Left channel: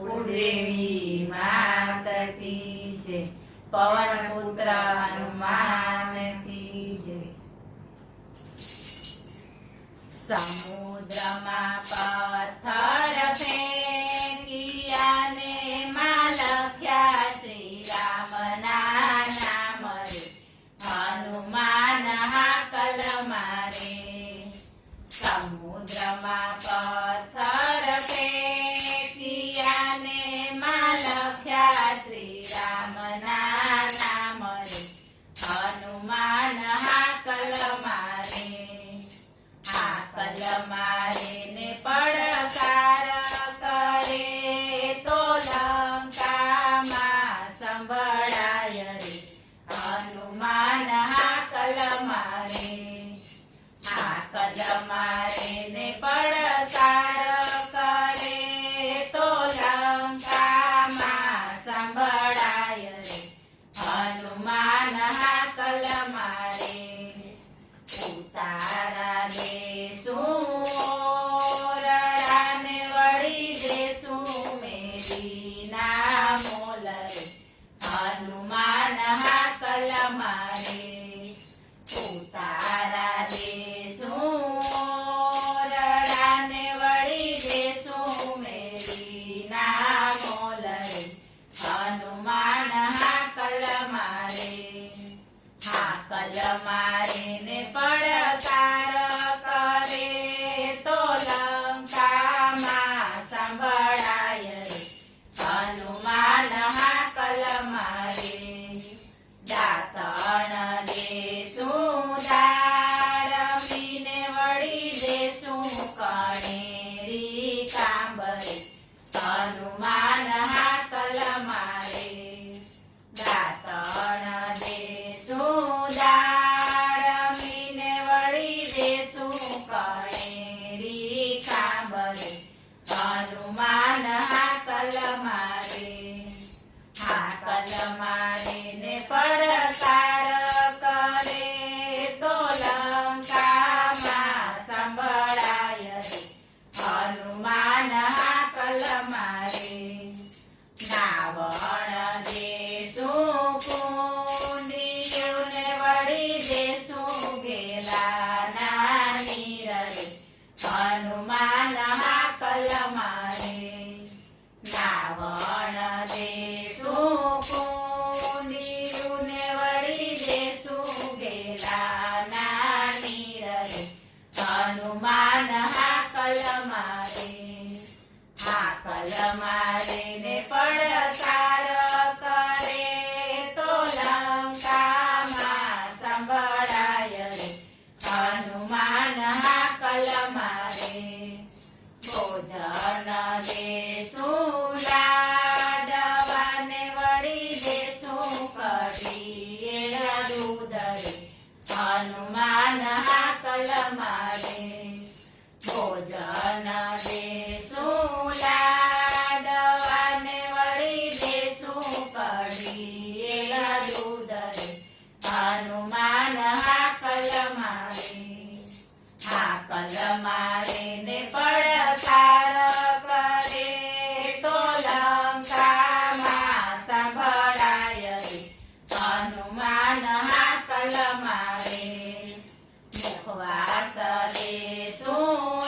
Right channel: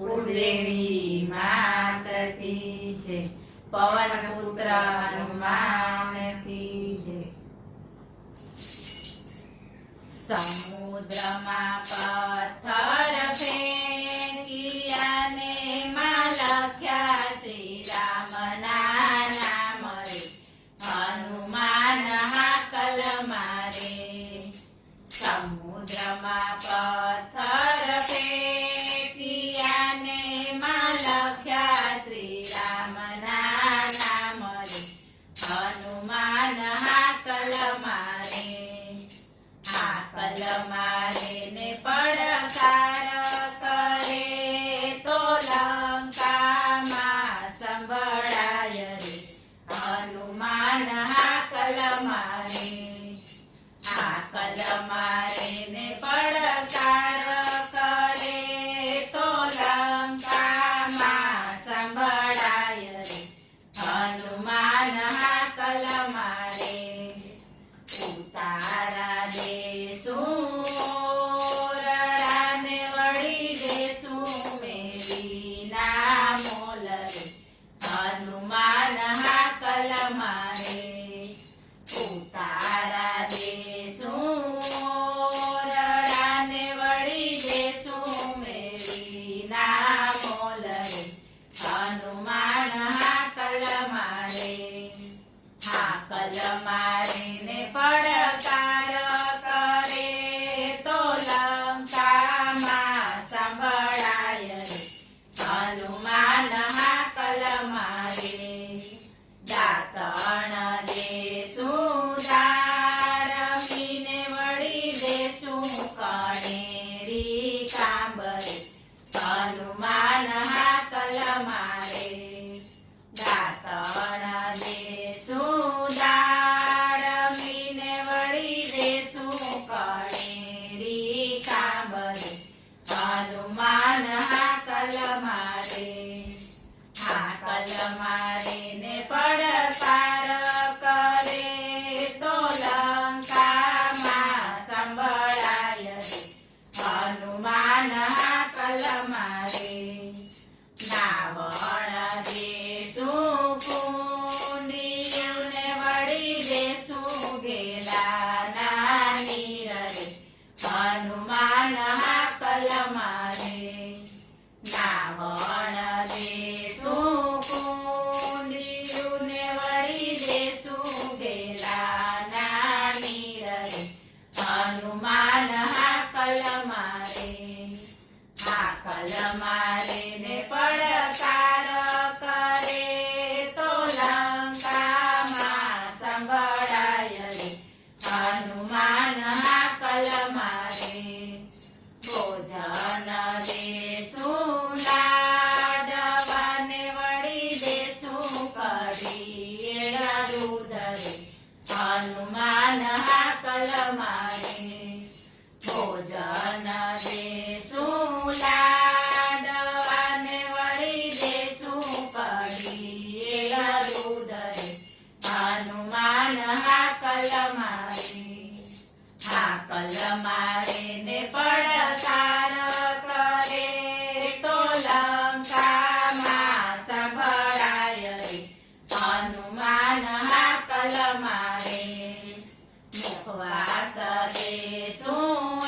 કુળદેવી માત કી જય, પવન પુત્ર હનુમાન કી જય। સમુદ્રમાં પથ્થર ફેંક્યા ને માં લખ્યા શ્રી રામના નામ રે, હનુમાન હાકલ મારે। સમુદ્રમાં પથ્થર ફેંક્યા ને માં લખ્યા શ્રી રામના નામ રે, હનુમાન હાકલ મારે। હાકલ મારે ને પડકાર કરે તો લંકામાં સંભળાય રે, હનુમાન હાકલ મારે। હાકલ મારે ને પડકાર કરે તો લંકામાં સંભળાય રે, હનુમાન હાકલ મારે। ઉતારા દેશું રાને વળી દેશું મેરી ના મોલ રે, હનુમાન હાકલ મારે। ઉતારા દેશું રાને વળી દેશું મેરી ના મોલ રે, હનુમાન હાકલ મારે। હાકલ મારે ને પડકાર કરે તો લંકામાં સંભળાય રે, હનુમાન હાકલ મારે। દાતણ દેશું દારમીને વળી દેશું કણેરી કાંબરે, હનુમાન હાકલ મારે। દાતણ દેશું દારમીને વળી દેશું કણેરી કાંબરે, હનુમાન હાકલ મારે। હાકલ મારે ને પડકાર કરે તો લંકામાં સંભળાય રે, હનુમાન હાકલ મારે। નાવણ દેશું કુંડિયુને વળી દેશું ગેલાના નીર રે, હનુમાન હાકલ મારે। નાવણ દેશું કુંડિયુને વળી દેશું ગેલાના નીર રે, હનુમાન હાકલ મારે। હાકલ મારે ને પડકાર કરે તો લંકામાં સંભળાય રે, હનુમાન હાકલ મારે। ભોજન દેશું લાડવાને વળી દેશું કઢી દૂધ રે, હનુમાન હાકલ મારે। ભોજન દેશું લાડવાને વળી દેશું કઢી દૂધ રે, હનુમાન હાકલ મારે। હાકલ મારે ને પડકાર કરે તો લંકામાં સંભળાય રે, હનુમાન હાકલ મારે। મુખવાસ દેશું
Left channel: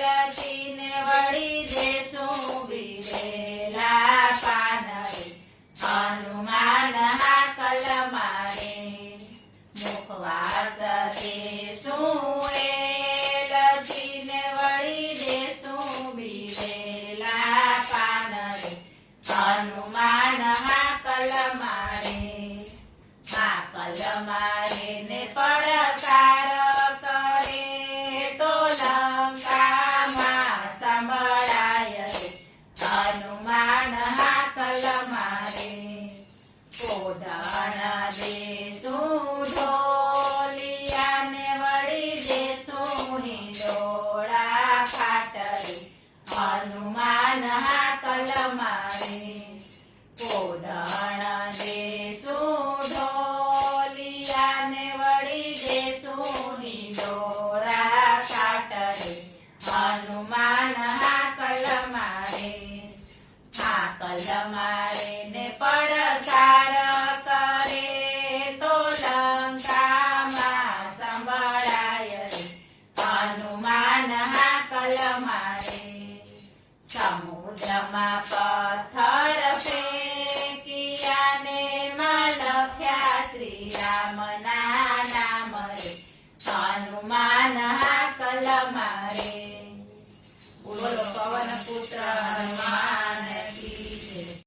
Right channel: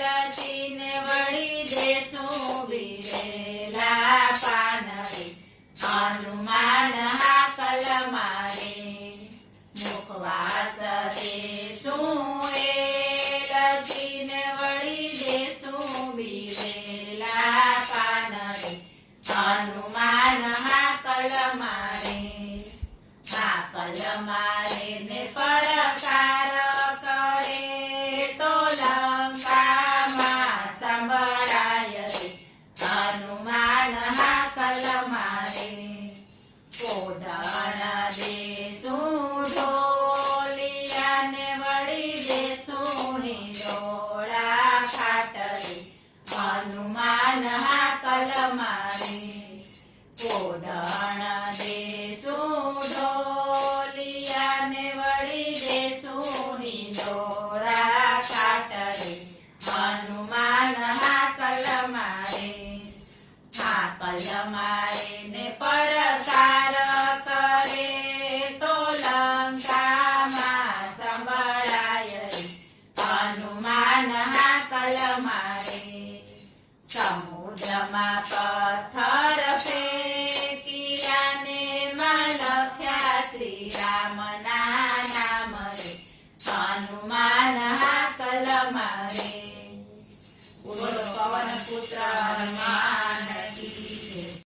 એલચીને વળી દેશું બિરેલા પાન રે, હનુમાન હાકલ મારે। મુખવાસ દેશું એલચીને વળી દેશું બિરેલા પાન રે, હનુમાન હાકલ મારે। હાકલ મારે ને પડકાર કરે તો લંકામાં સંભળાય રે, હનુમાન હાકલ મારે। પોઢણ દેશું ઢોલિયાને વળી દેશું હિંડોળા ખાટ રે, હનુમાન હાકલ મારે। પોઢણ દેશું ઢોલિયાને વળી દેશું હિંડોળા ખાટ રે, હનુમાન હાકલ મારે। સમુદ્રમાં પથ્થર ફેંકિયાને માં લખ્યા શ્રી રામના નામ રે હનુમાન હાકલ મારે. બોલો પવન પુત્ર